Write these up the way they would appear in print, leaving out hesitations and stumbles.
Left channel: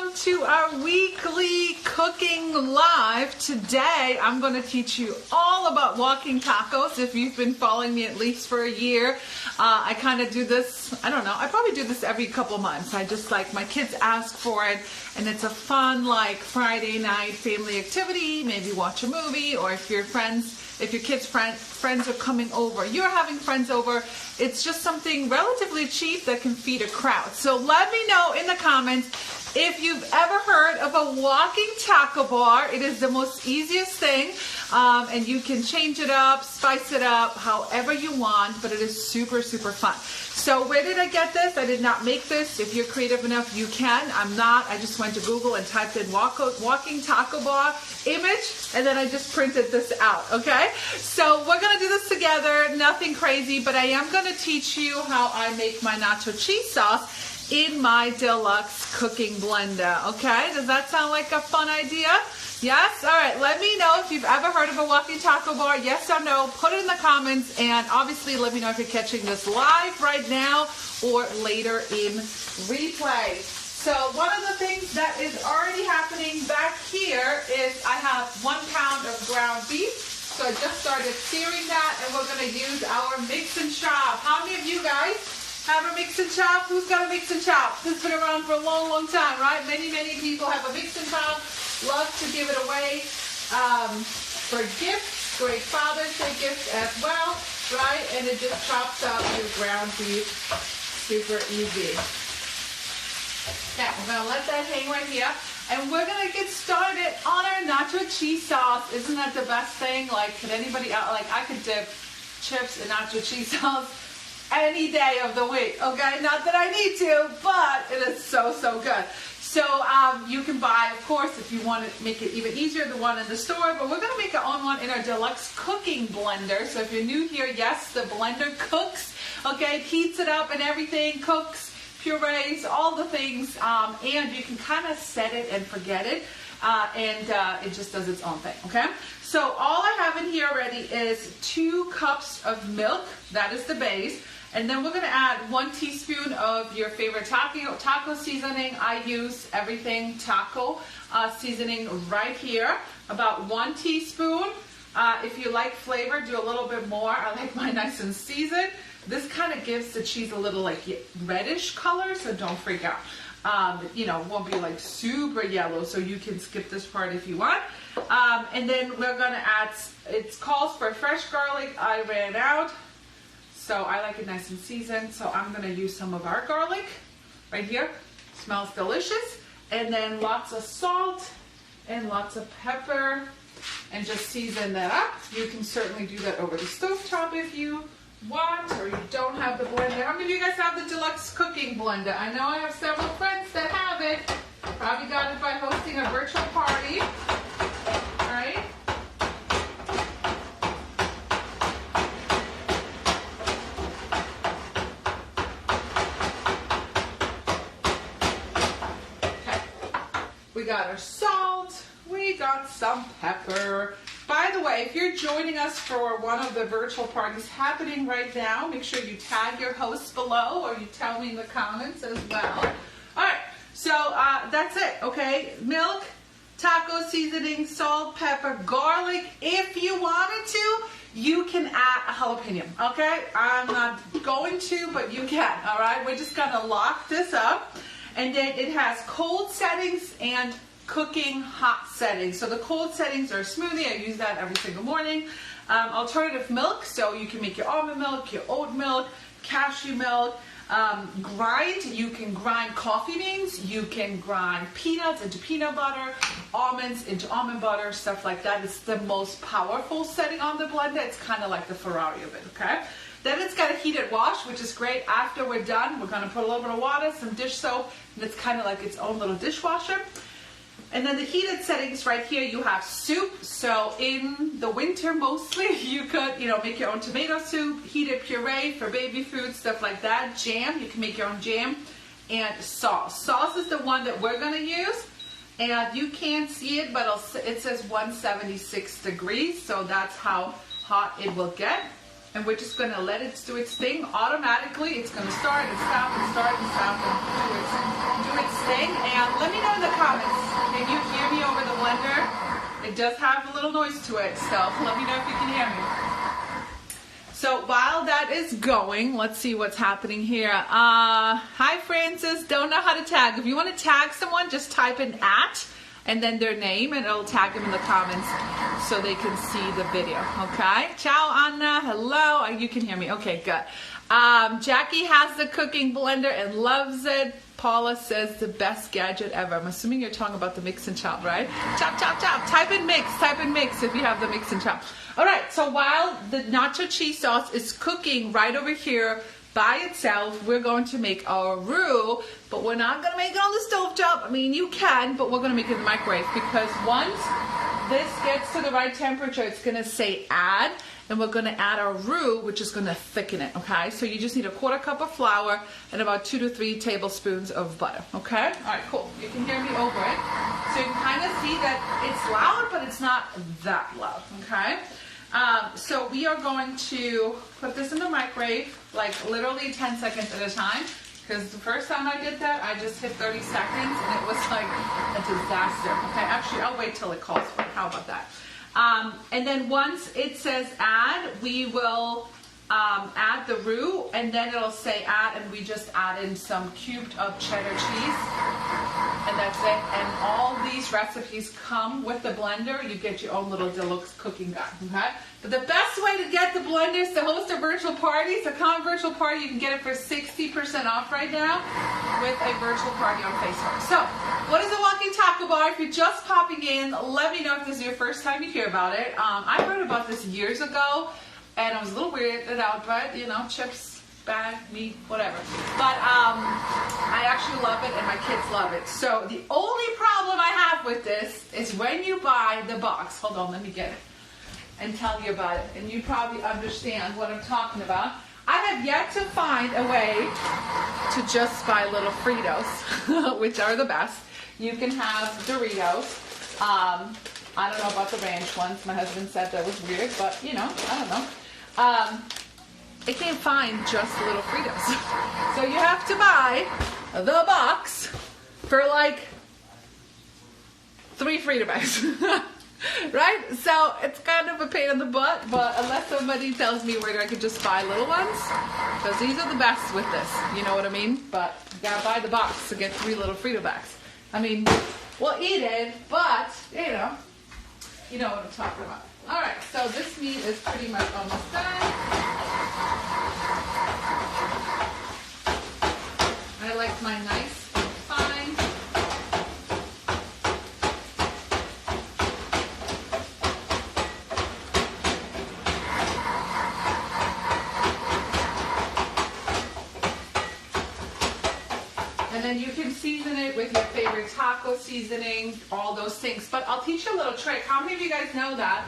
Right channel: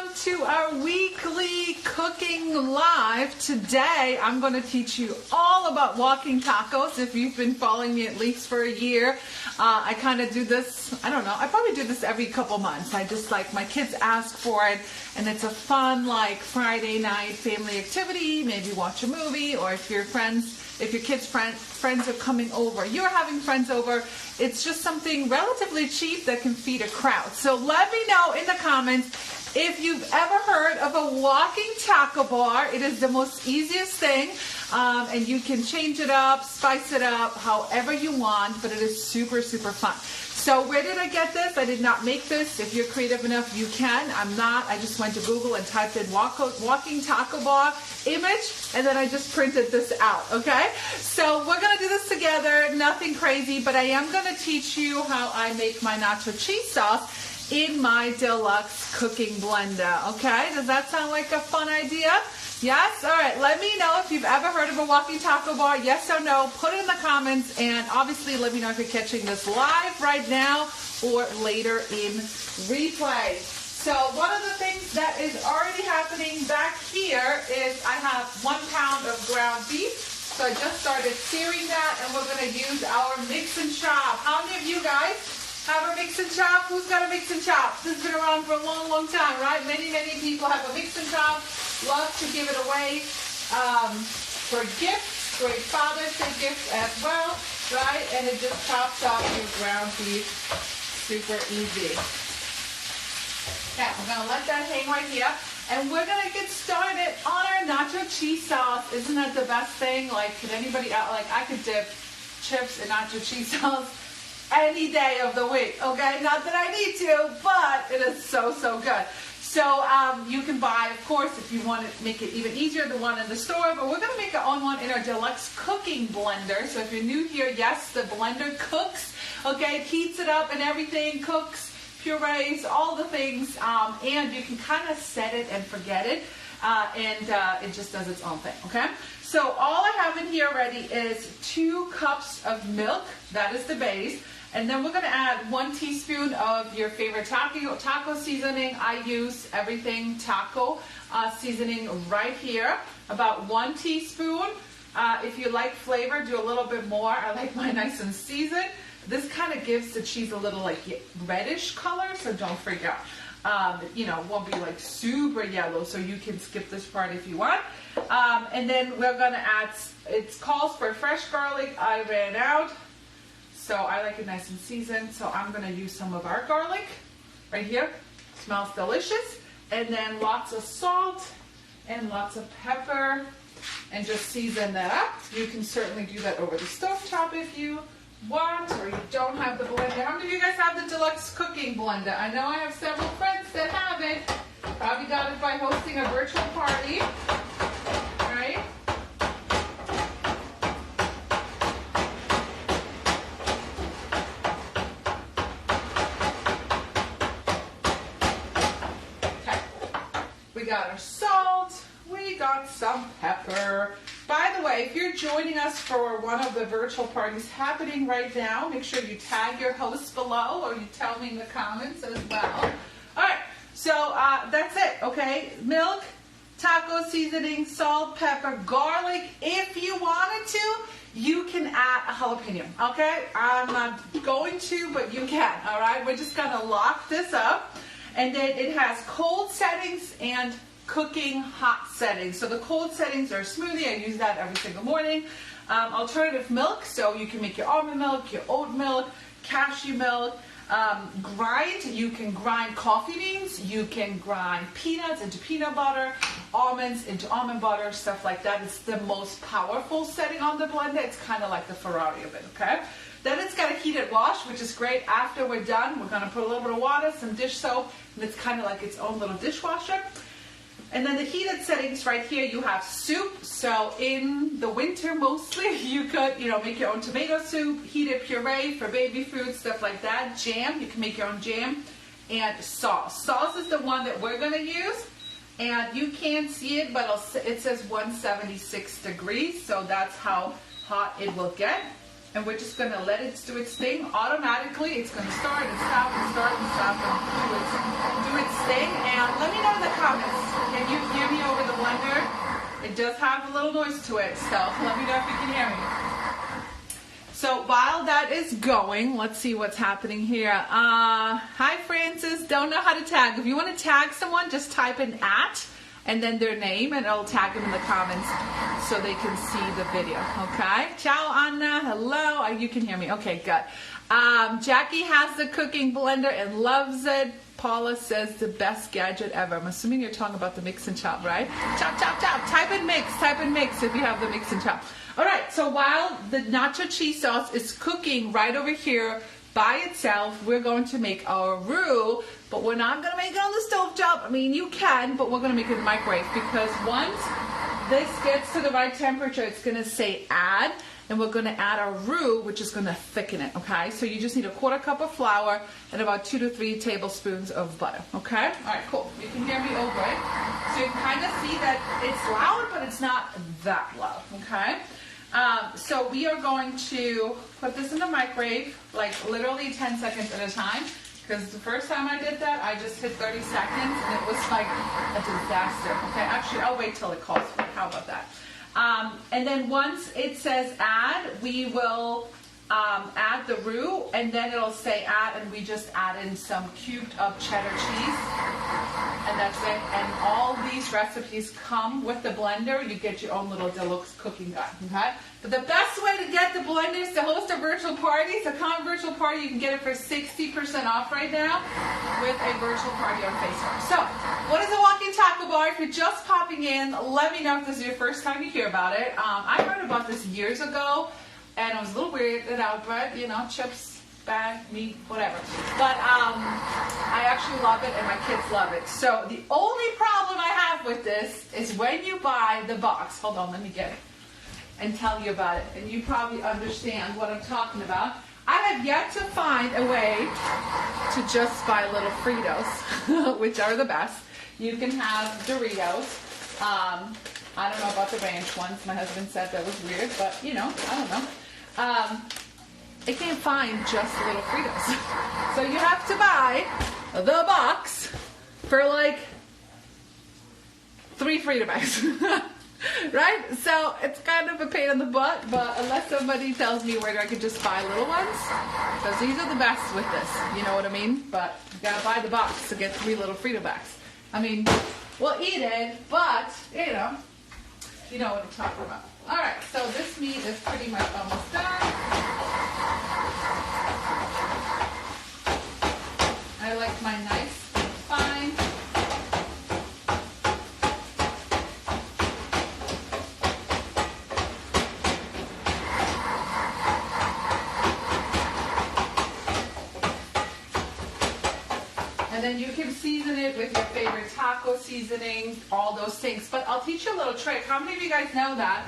welcome to our weekly cooking live. Today I'm going to teach you all about walking tacos. If you've been following me at least for a year, I kind of do this, I don't know, I probably do this every couple months. I just like, my kids ask for it, and it's a fun like Friday night family activity. Maybe watch a movie, or if your kids' friends are coming over, you're having friends over, it's just something relatively cheap that can feed a crowd. So let me know in the comments if you've ever heard of a walking taco bar. It is the most easiest thing, and you can change it up, spice it up, however you want, but it is super, super fun. So where did I get this? I did not make this. If you're creative enough, you can. I'm not. I just went to Google and typed in walking taco bar image, and then I just printed this out, okay? So we're going to do this together. Nothing crazy, but I am going to teach you how I make my nacho cheese sauce in my deluxe cooking blender, okay? Does that sound like a fun idea? Yes? All right, let me know if you've ever heard of a walking taco bar. Yes or no, put it in the comments, and obviously let me know if you're catching this live right now or later in replay. So one of the things that is already happening back here is I have 1 pound of ground beef. So I just started searing that, and we're going to use our mix and chop. How many of you guys have a mix and chop? Who's got a mix and chop? This has been around for a long, long time, right? Many, many people have a mix and chop. Love to give it away for gifts, great Father's Day gift as well, right? And it just chops up your ground beef super easy. Okay, I'm going to let that hang right here. And we're going to get started on our nacho cheese sauce. Isn't that the best thing? Like, could anybody out, like, I could dip chips in nacho cheese sauce any day of the week, okay? Not that I need to, but it is so, so good. So you can buy, of course, if you want to make it even easier, the one in the store, but we're going to make our own one in our deluxe cooking blender. So if you're new here, yes, the blender cooks, okay, heats it up and everything, cooks, purees, all the things, and you can kind of set it and forget it, and it just does its own thing, okay? So all I have in here already is 2 cups of milk. That is the base. And then we're going to add 1 teaspoon of your favorite taco seasoning. I use everything taco seasoning right here. About 1 teaspoon. If you like flavor, do a little bit more. I like mine nice and seasoned. This kind of gives the cheese a little like reddish color, so don't freak out. You know, it won't be like super yellow, so you can skip this part if you want. And then we're going to add, it calls for fresh garlic. I ran out. So I like it nice and seasoned, so I'm going to use some of our garlic right here. Smells delicious. And then lots of salt and lots of pepper, and just season that up. You can certainly do that over the stovetop if you want, or you don't have the blender. How many of you guys have the deluxe cooking blender? I know I have several friends that have it. Probably got it by hosting a virtual party, right? We got our salt, we got some pepper. By the way, if you're joining us for one of the virtual parties happening right now, make sure you tag your hosts below, or you tell me in the comments as well. All right, so that's it, okay? Milk, taco seasoning, salt, pepper, garlic. If you wanted to, you can add a jalapeno, okay? I'm not going to, but you can, all right? We're just gonna lock this up. And then it has cold settings and cooking hot settings. So the cold settings are smoothie. I use that every single morning. Alternative milk, so you can make your almond milk, your oat milk, cashew milk. Grind, you can grind coffee beans. You can grind peanuts into peanut butter, almonds into almond butter, stuff like that. It's the most powerful setting on the blender. It's kind of like the Ferrari of it, okay? Then it's got a heated wash, which is great. After we're done, we're going to put a little bit of water, some dish soap, and it's kind of like its own little dishwasher. And then the heated settings right here, you have soup. So in the winter mostly, you could, make your own tomato soup, heated puree for baby food, stuff like that. Jam, you can make your own jam. And sauce. Sauce is the one that we're going to use. And you can't see it, but it says 176 degrees. So that's how hot it will get. and we're just going to let it do its thing automatically. It's going to start and stop and start and stop and do its thing. And let me know in the comments, can you hear me over the blender? It does have a little noise to it, so let me know if you can hear me. So while that is going, let's see what's happening here. Hi Francis, don't know how to tag. If you want to tag someone, just type in @ and then their name, and it'll tag them in the comments so they can see the video. Okay. Ciao Anna, hello. You can hear me. Okay, good. Jackie has the cooking blender and loves it. Paula says the best gadget ever. I'm assuming you're talking about the mix and chop, right? Chop, chop, chop. Type in mix if you have the mix and chop. All right, so while the nacho cheese sauce is cooking right over here by itself, we're going to make our roux, but we're not going to make it on the stove top. I mean, you can, but we're going to make it in the microwave, because once this gets to the right temperature, it's going to say add, and we're going to add our roux, which is going to thicken it, okay? So you just need a 1/4 cup of flour and about 2 to 3 tablespoons of butter, okay? All right, cool. You can hear me over it. So you can kind of see that it's loud, but it's not that loud, okay? So we are going to put this in the microwave, like literally 10 seconds at a time, because the first time I did that, I just hit 30 seconds, and it was like a disaster, okay? Actually, I'll wait till it calls for it. How about that? And then once it says add, we will add the roux, and then it'll say add, and we just add in some cubed up cheddar cheese, and that's it. And all these recipes come with the blender. You get your own little deluxe cooking gun, okay? But the best way to get the blenders to host a virtual party, so come virtual party, you can get it for 60% off right now with a virtual party on Facebook. So, what is a walking taco bar? If you're just popping in, let me know if this is your first time you hear about it. I heard about this years ago, and I was a little weirded out, but you know, chips, bad, meat, whatever. But I actually love it, and my kids love it. So the only problem I have with this is when you buy the box. Hold on, let me get it and tell you about it, and you probably understand what I'm talking about. I have yet to find a way to just buy little Fritos, which are the best. You can have Doritos. I don't know about the ranch ones. My husband said that was weird, but you know, I don't know. I can't find just little Fritos. So you have to buy the box for like 3 Frito bags. Right? So it's kind of a pain in the butt, but unless somebody tells me where I can just buy little ones, because these are the best with this, you know what I mean? But you gotta buy the box to get 3 little Frito bags. I mean, we'll eat it, but you know what I'm talking about. All right, so this meat is pretty much almost done. I like my nice and fine. And then you can season it with your favorite taco seasonings, all those things. But I'll teach you a little trick. How many of you guys know that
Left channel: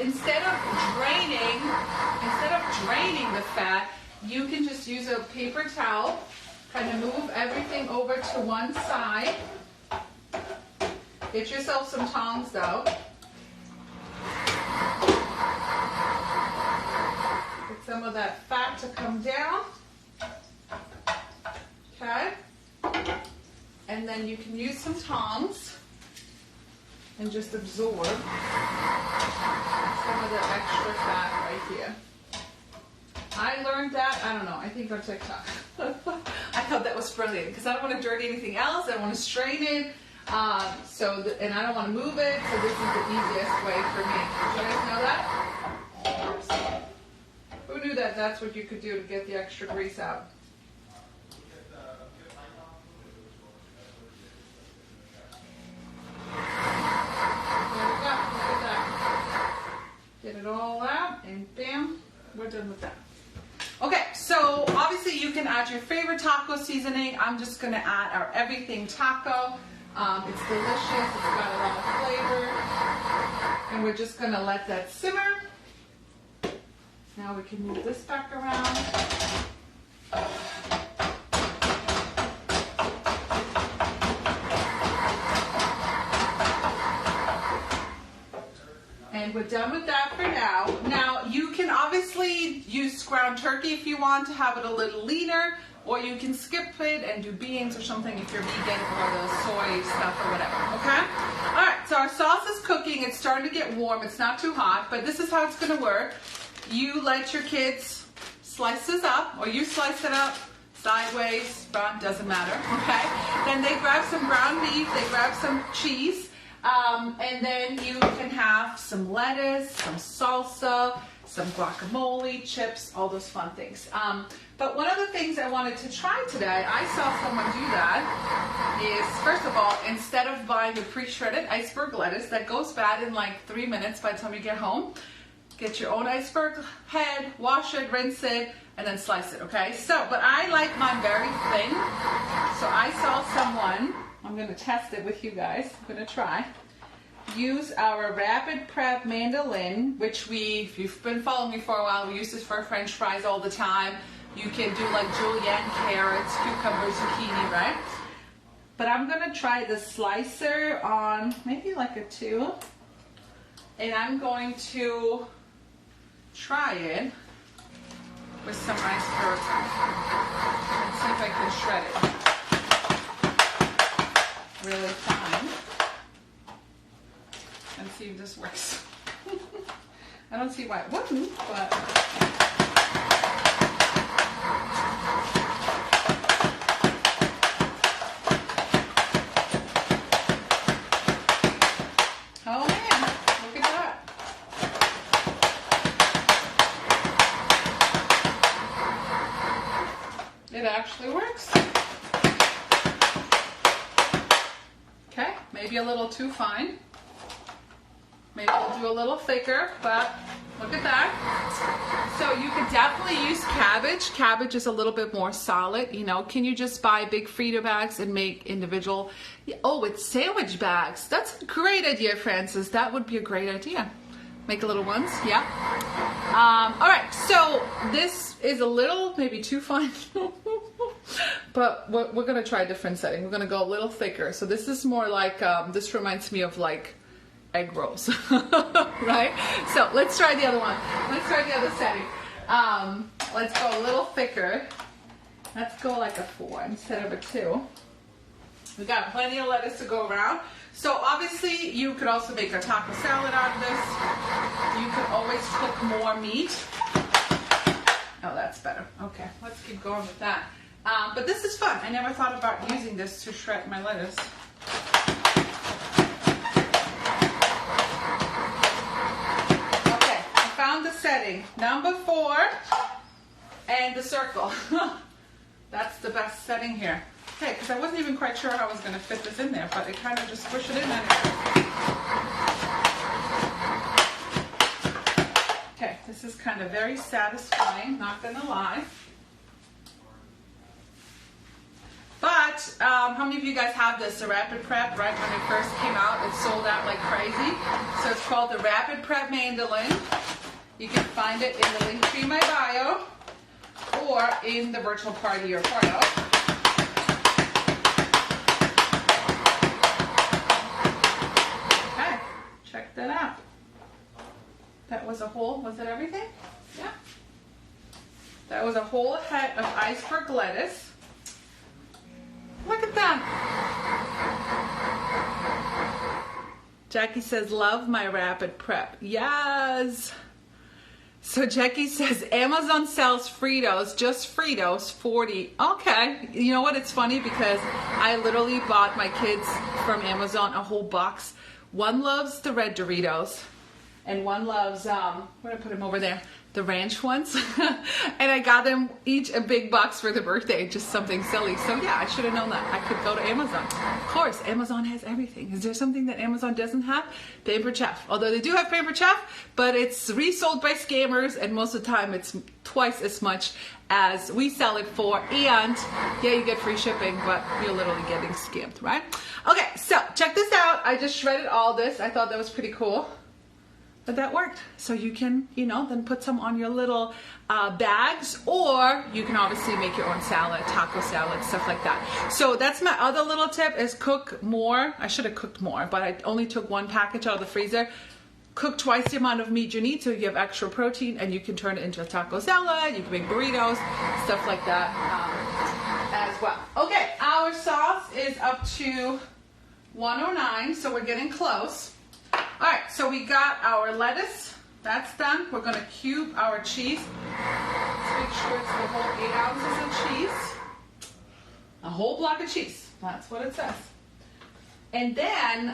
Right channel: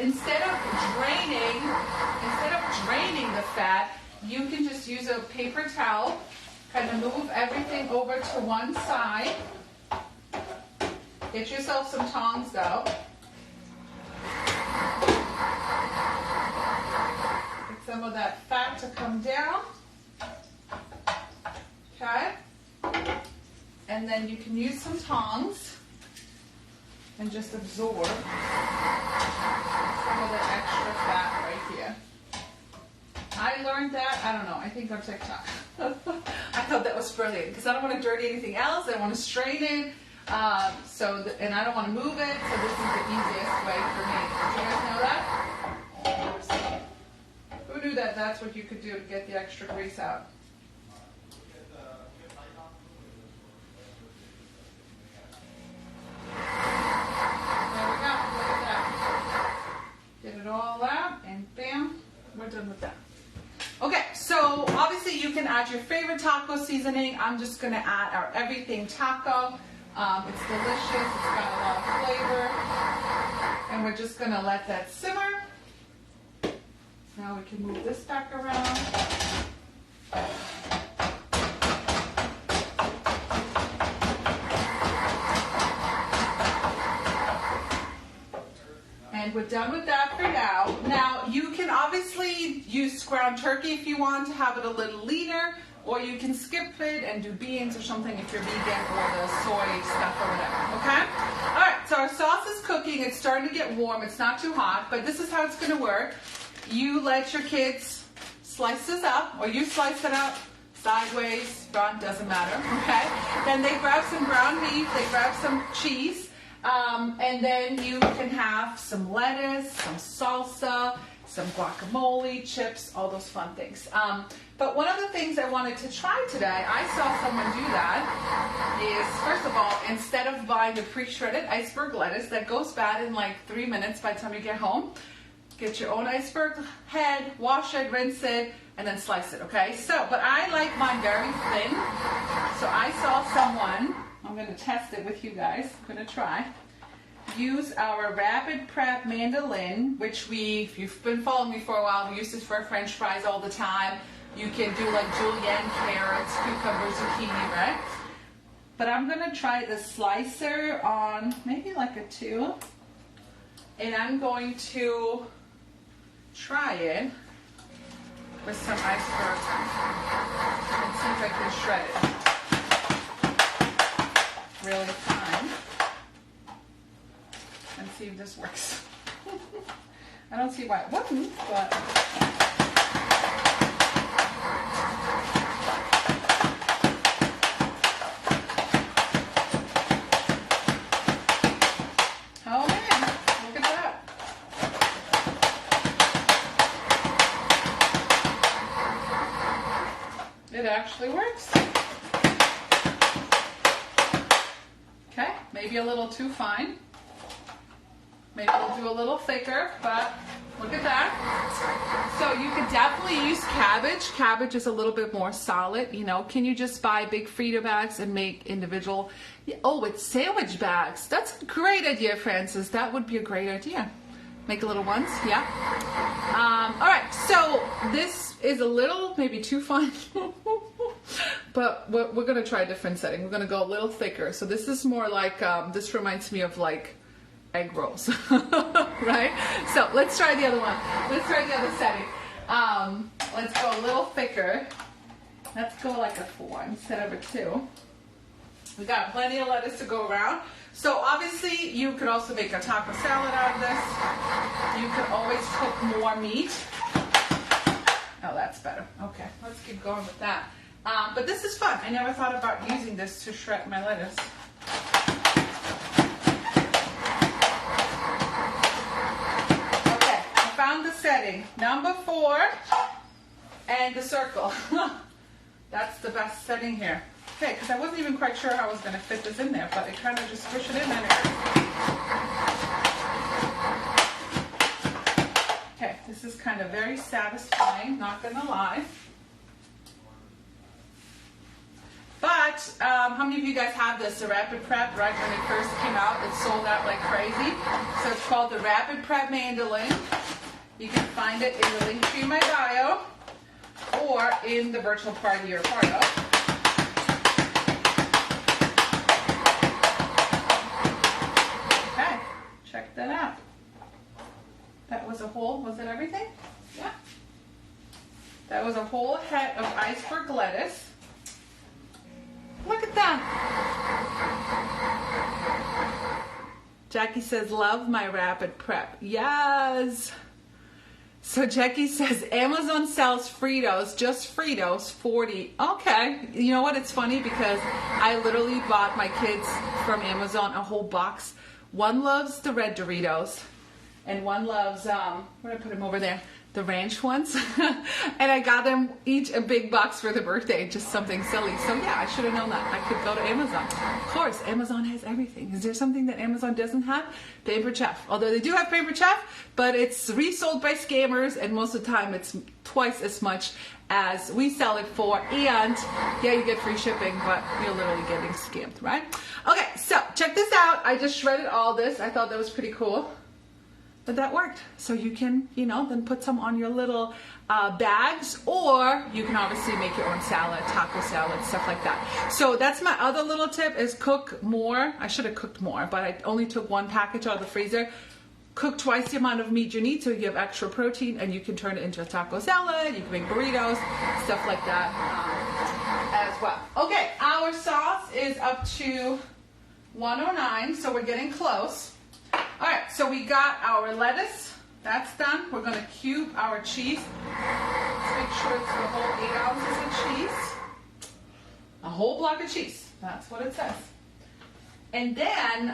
instead of draining the fat, you can just use a paper towel, kind of move everything over to one side. Get yourself some tongs though. Get some of that fat to come down. Okay? And then you can use some tongs and just absorb some of the extra fat right here. I learned that, I don't know, I think on TikTok. I thought that was brilliant because I don't want to dirty anything else. I don't want to strain it. And I don't want to move it. So this is the easiest way for me. Did you guys know that? Who knew that that's what you could do to get the extra grease out? Get it all out, and bam, we're done with that. Okay, so obviously you can add your favorite taco seasoning. I'm just going to add our everything taco. It's delicious. It's got a lot of flavor. And we're just going to let that simmer. Now we can move this back around. And we're done with that for now. Now, you can obviously obviously use ground turkey if you want to have it a little leaner, or you can skip it and do beans or something if you're vegan, or the soy stuff or whatever, okay? All right, so our sauce is cooking. It's starting to get warm. It's not too hot, but this is how it's gonna work. You let your kids slice this up, or you slice it up sideways, front, doesn't matter, okay? Then they grab some ground beef, they grab some cheese, and then you can have some lettuce, some salsa, some guacamole, chips, all those fun things. But one of the things I wanted to try today, I saw someone do that, is first of all, instead of buying the pre-shredded iceberg lettuce that goes bad in like 3 minutes by the time you get home, get your own iceberg head, wash it, rinse it, and then slice it, okay? So, but I like mine very thin, so I saw someone, I'm gonna test it with you guys, I'm gonna try, use our Rapid Prep mandolin, which if you've been following me for a while, we use this for French fries all the time. You can do like julienne, carrots, cucumbers, zucchini, right? But I'm gonna try the slicer on maybe like a 2. And I'm going to try it with some iceberg and see if I can shred it really fine. And see if this works. I don't see why it wouldn't, but oh man, look at that. It actually works. Okay, maybe a little too fine. Maybe we'll do a little thicker, but look at that. So you could definitely use cabbage. Cabbage is a little bit more solid, you know. Can you just buy big Frito bags and make individual? Oh, it's sandwich bags. That's a great idea, Francis. That would be a great idea. Make a little ones, yeah. All right, so this is a little, maybe too fine. But we're gonna try a different setting. We're gonna go a little thicker. So this is more like, this reminds me of like egg rolls, right? So let's try the other one. Let's try the other setting. Let's go a little thicker. Let's go like a 4 instead of a 2. We got plenty of lettuce to go around. So obviously you could also make a taco salad out of this. You could always cook more meat. Oh, that's better. Okay, let's keep going with that. But this is fun. I never thought about using this to shred my lettuce. Setting number 4 and the circle. That's the best setting here. Okay, because I wasn't even quite sure how I was going to fit this in there, but it kind of just push it in anyway. Okay, this is kind of very satisfying, not going to lie. But how many of you guys have this, the Rapid Prep? Right when it first came out, it sold out like crazy. So it's called the Rapid Prep mandolin. You can find it in the link tree in my bio or in the virtual party you're part of. Okay, check that out. That was a whole, was it everything? Yeah. That was a whole head of iceberg lettuce. Look at that. Jackie says, love my Rapid Prep. Yes. So Jackie says, Amazon sells Fritos, just Fritos, 40. Okay. You know what? It's funny because I literally bought my kids from Amazon a whole box. One loves the red Doritos and one loves, where did I put them over there? The ranch ones. And I got them each a big box for their birthday, just something silly. So yeah, I should have known that. I could go to Amazon. Of course, Amazon has everything. Is there something that Amazon doesn't have? Favorite Chef. Although they do have Favorite Chef, but it's resold by scammers, and most of the time it's twice as much as we sell it for. And yeah, you get free shipping, but you're literally getting scammed, right? Okay, so check this out. I just shredded all this. I thought that was pretty cool. But that worked. So you can, you know, then put some on your little bags, or you can obviously make your own salad, taco salad, stuff like that. So that's my other little tip, is cook more. I should have cooked more, but I only took one package out of the freezer. cook twice the amount of meat you need so you have extra protein, and you can turn it into a taco salad, you can make burritos, stuff like that as well. Okay, our sauce is up to 109, so we're getting close. All right, so we got our lettuce, that's done. We're gonna cube our cheese. Let's make sure it's the whole 8 ounces of cheese. A whole block of cheese, that's what it says. And then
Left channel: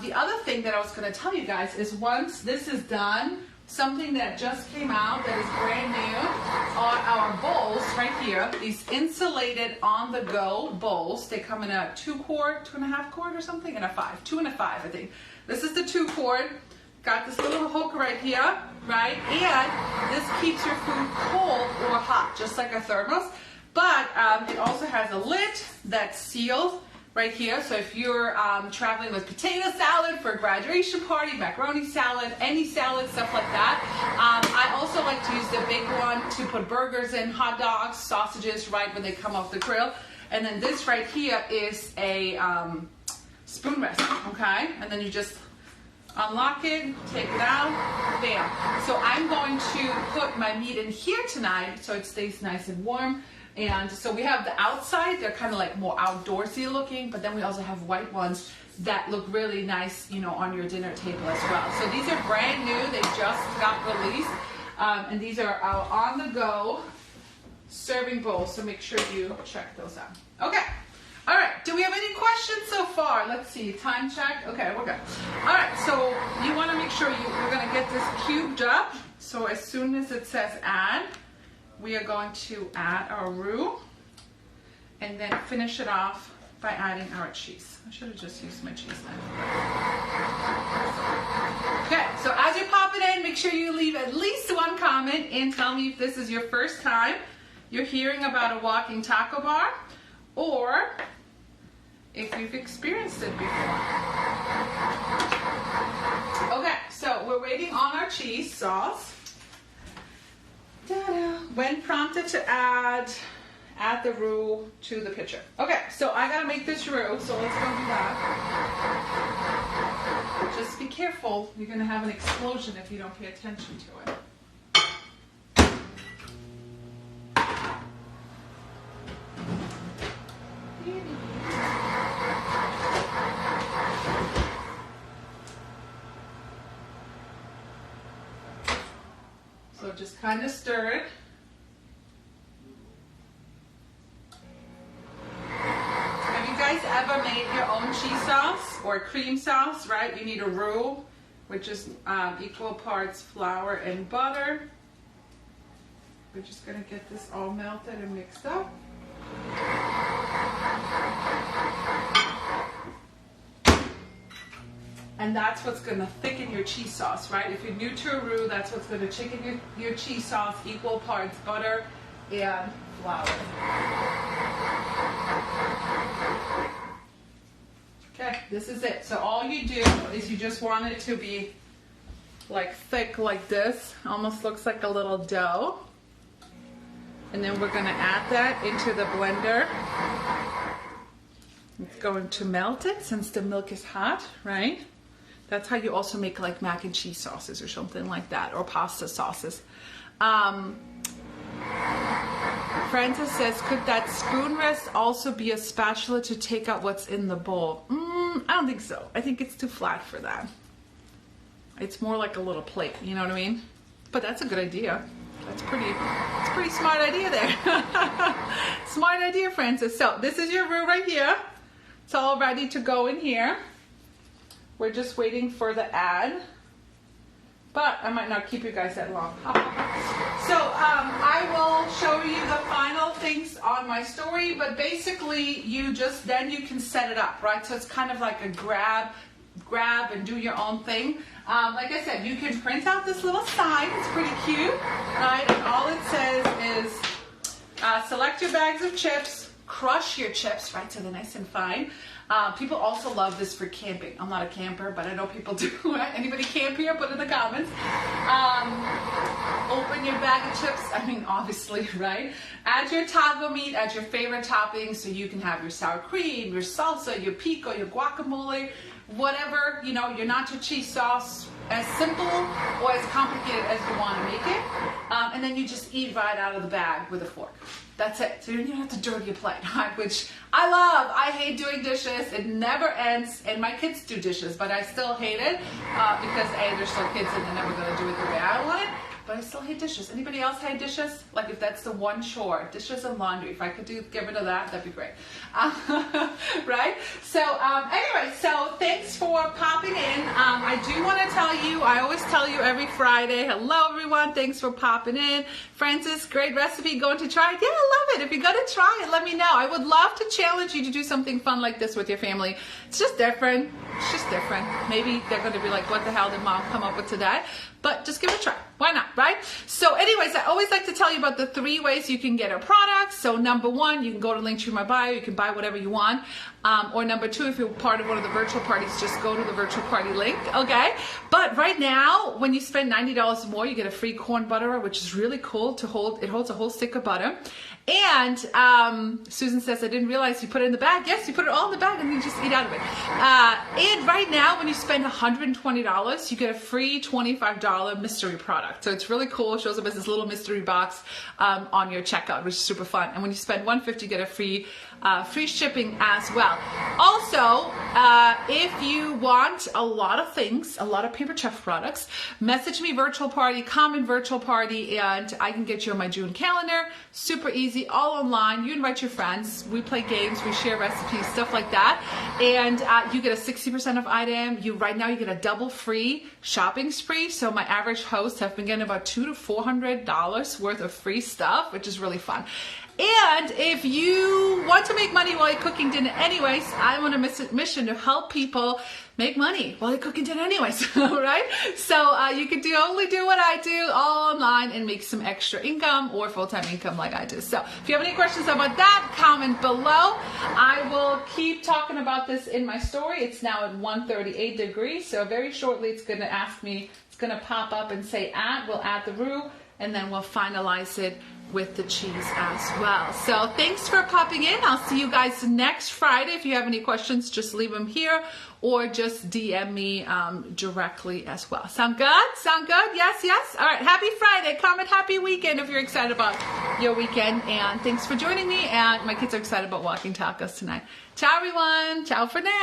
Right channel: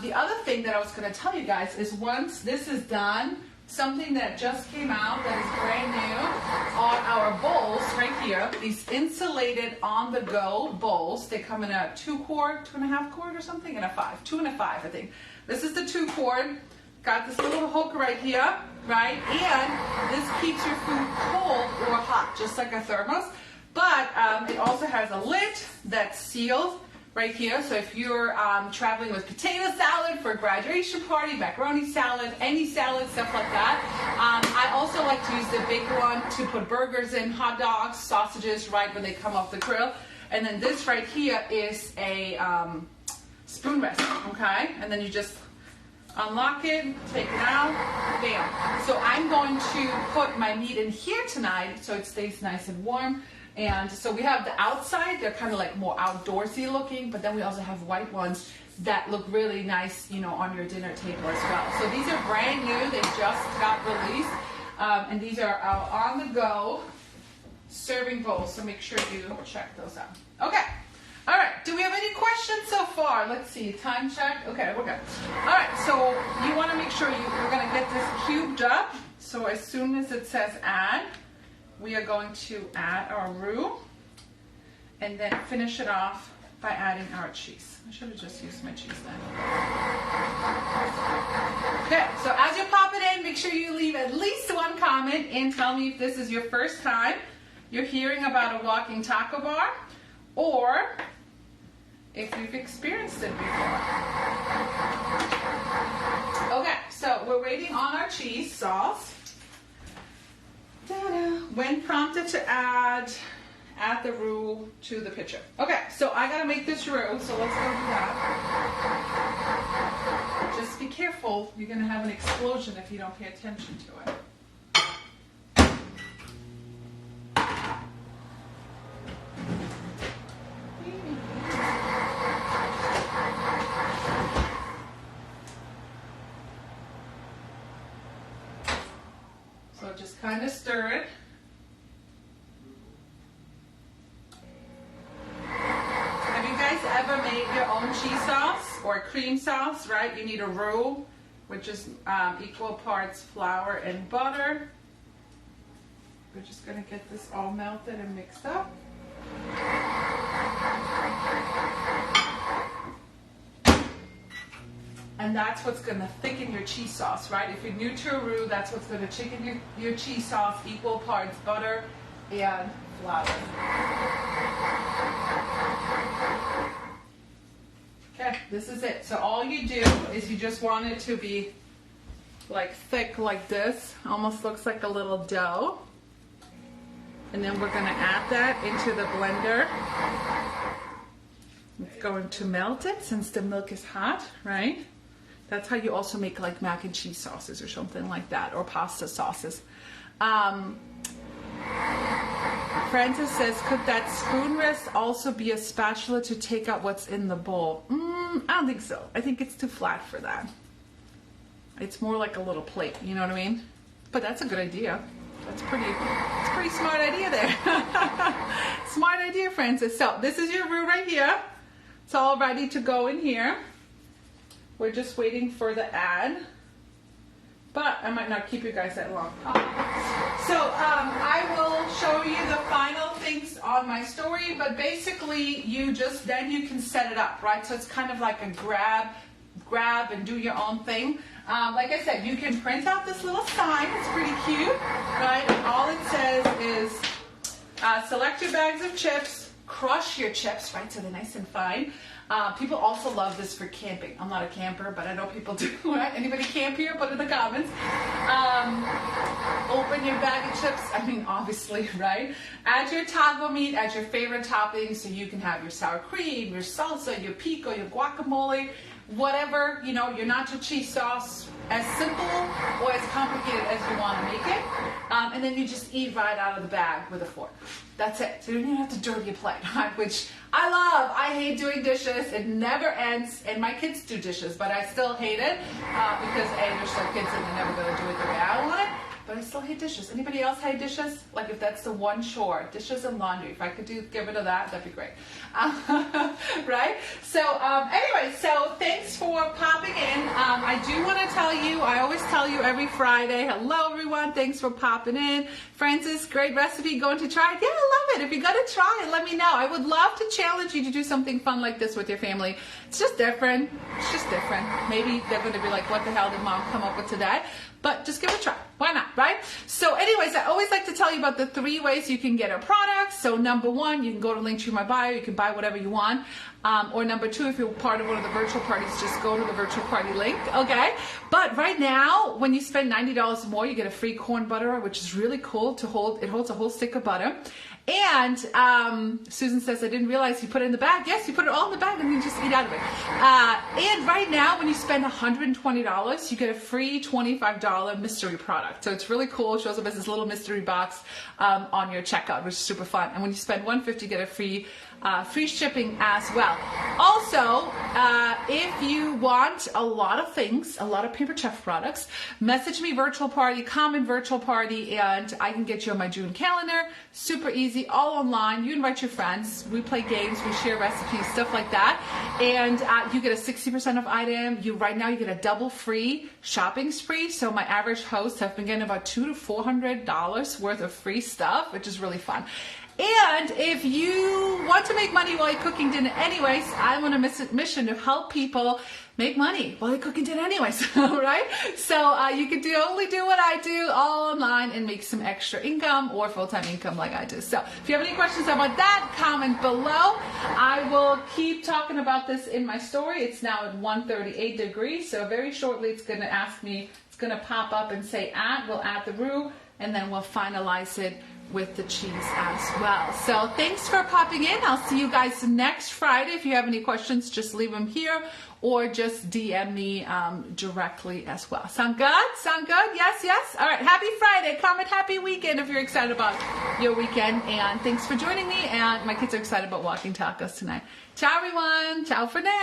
the other thing that I was going to tell you guys is once this is done, something that just came out that is brand new are our bowls right here. These insulated on-the-go bowls. They come in a 2-quart, 2.5-quart or something, and a 5. 2 and a 5, I think. This is the 2-quart. Got this little hook right here, right? And this keeps your food cold or hot, just like a thermos. But it also has a lid that's sealed right here. So if you're traveling with potato salad for a graduation party, macaroni salad, any salad, stuff like that. I also like to use the big one to put burgers in, hot dogs, sausages, right when they come off the grill. And then this right here is a spoon rest, okay? And then you just unlock it, take it out, bam. So I'm going to put my meat in here tonight so it stays nice and warm. And so we have the outside, they're kind of like more outdoorsy looking, but then we also have white ones that look really nice, you know, on your dinner table as well. So these are brand new, they just got released. And these are our on-the-go serving bowls, so make sure you check those out. Okay, all right, do we have any questions so far? Let's see, time check, okay, we're good. All right, so you wanna make sure you're gonna get this cubed up. So as soon as it says add, we are going to add our roux and then finish it off by adding our cheese. I should have just used my cheese then. Okay, so as you pop it in, make sure you leave at least one comment and tell me if this is your first time you're hearing about a walking taco bar or if you've experienced it before. Okay, so we're waiting on our cheese sauce. When prompted to add the roux to the pitcher. Okay, so I gotta make this roux, so let's go do that. Just be careful, you're gonna have an explosion if you don't pay attention to it. So just kind of stir it. Have you guys ever made your own cheese sauce or cream sauce, right? You need a roux, which is equal parts flour and butter. We're just gonna get this all melted and mixed up. And that's what's going to thicken your cheese sauce, right? If you're new to a roux, that's what's going to thicken your cheese sauce, equal parts butter and flour. Okay, this is it. So all you do is you just want it to be like thick like this. Almost looks like a little dough. And then we're going to add that into the blender. It's going to melt it since the milk is hot, right? That's how you also make like mac and cheese sauces or something like that, or pasta sauces. Francis says, could that spoon rest also be a spatula to take out what's in the bowl? I don't think so. I think it's too flat for that. It's more like a little plate, you know what I mean? But that's a good idea. That's pretty smart idea there. Smart idea, Francis. So this is your roux right here. It's all ready to go in here. We're just waiting for the add, but I might not keep you guys that long. So I will show you the final things on my story, but basically you can set it up, right? So it's kind of like a grab and do your own thing. Like I said, you can print out this little sign. It's pretty cute, right? And all it says is select your bags of chips, crush your chips, right? So they're nice and fine. People also love this for camping. I'm not a camper, but I know people do. Right? Anybody camp here? Put in the comments. Open your bag of chips. I mean, obviously, right? Add your taco meat, add your favorite toppings, so you can have your sour cream, your salsa, your pico, your guacamole, whatever, you know, your nacho cheese sauce, as simple or as complicated as you want to make it. And then you just eat right out of the bag with a fork. That's it. So you don't even have to dirty your plate, right? Which I love. I hate doing dishes. It never ends. And my kids do dishes, but I still hate it because A, they're still kids and they're never going to do it the way I want it. But I still hate dishes. Anybody else hate dishes? Like if that's the one chore, dishes and laundry. If I could get rid of that, that'd be great. Right? So anyway, so thanks for popping in. I do want to tell you, I always tell you every Friday, hello everyone, thanks for popping in. Francis, great recipe, going to try it? Yeah, I love it. If you're going to try it, let me know. I would love to challenge you to do something fun like this with your family. It's just different. It's just different. Maybe they're going to be like, what the hell did mom come up with today? But just give it a try. Why not, right? So anyways, I always like to tell you about the 3 ways you can get our products. So number 1, you can go to link to my bio. You can buy whatever you want. Or number 2, if you're part of one of the virtual parties, just go to the virtual party link, okay? But right now, when you spend $90 or more, you get a free corn butterer, which is really cool to hold. It holds a whole stick of butter. And Susan says, I didn't realize you put it in the bag. Yes, you put it all in the bag and you just eat out of it. And right now, when you spend $120, you get a free $25 mystery product. So it's really cool. It shows up as this little mystery box on your checkout, which is super fun. And when you spend $150, you get a free shipping as well. Also, if you want a lot of things, a lot of Paper Chef products, message me virtual party, comment virtual party, and I can get you on my June calendar. Super easy, all online. You invite your friends. We play games, we share recipes, stuff like that. And you get a 60% off item. Right now you get a double free shopping spree. So my average hosts have been getting about $200 to $400 worth of free stuff, which is really fun. And if you want to make money while you're cooking dinner anyways, I'm on a mission to help people make money while you're cooking dinner anyways, right? So you can only do what I do, all online, and make some extra income or full-time income like I do. So if you have any questions about that, comment below. I will keep talking about this in my story. It's now at 138 degrees, so very shortly it's going to ask me, it's going to pop up and say add. We'll add the roux, and then we'll finalize it with the cheese as well. So thanks for popping in. I'll see you guys next Friday. If you have any questions, just leave them here or just DM me directly as well. Sound good? Sound good? Yes, yes? All right. Happy Friday. Comment happy weekend if you're excited about your weekend. And thanks for joining me. And my kids are excited about walking tacos tonight. Ciao, everyone. Ciao for now.